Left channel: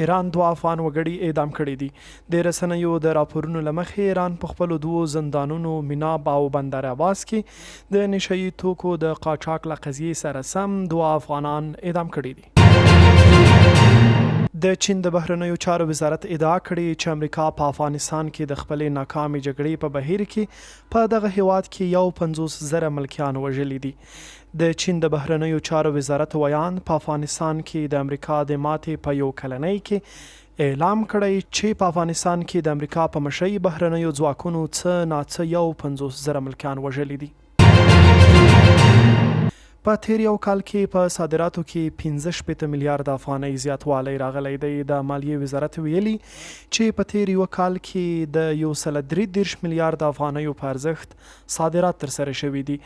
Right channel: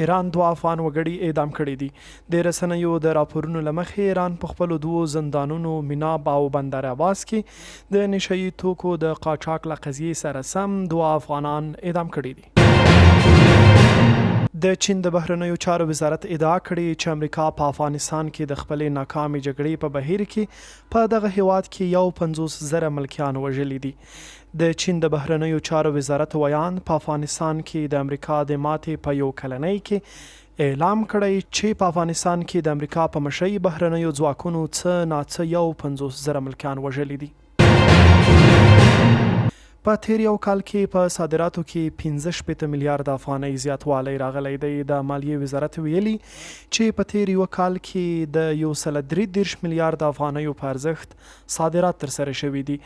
ایران 2 افغان وګړي اعدام کړي دي. د رسنیو د راپورونو له مخې ایران په خپلو 2 زندانونو مناب او بندر عباس کې د نشهیي توکو د قاچاق له قضیې سره سم 2 افغانان اعدام کړي دي. د چین د بهرنیو چارو وزارت ادعا کړې چې امریکا په افغانستان کې د خپلې ناکامې جګړې په بهیر کې په دغه هیواد کې 50,000 ملکیان وژلي دي. د چین د بهرنیو چارو وزارت ویان په افغانستان کې د امریکا د ماتې په 1 کلنۍ کې اعلام کړی چې په افغانستان کې د امریکا په مشرۍ بهرنیو ځواکونو څه ناڅه 50,000 ملکیان وژلي دي. په تیر یو کال کې په صادراتو کې 65 میلیارد افغانۍ زیاتوالی راغلی دی. د مالیې وزارت ویلي چې په تیر یو کال کې د 133 میلیارد افغانیو په ارزښت صادرات ترسره شوي دي.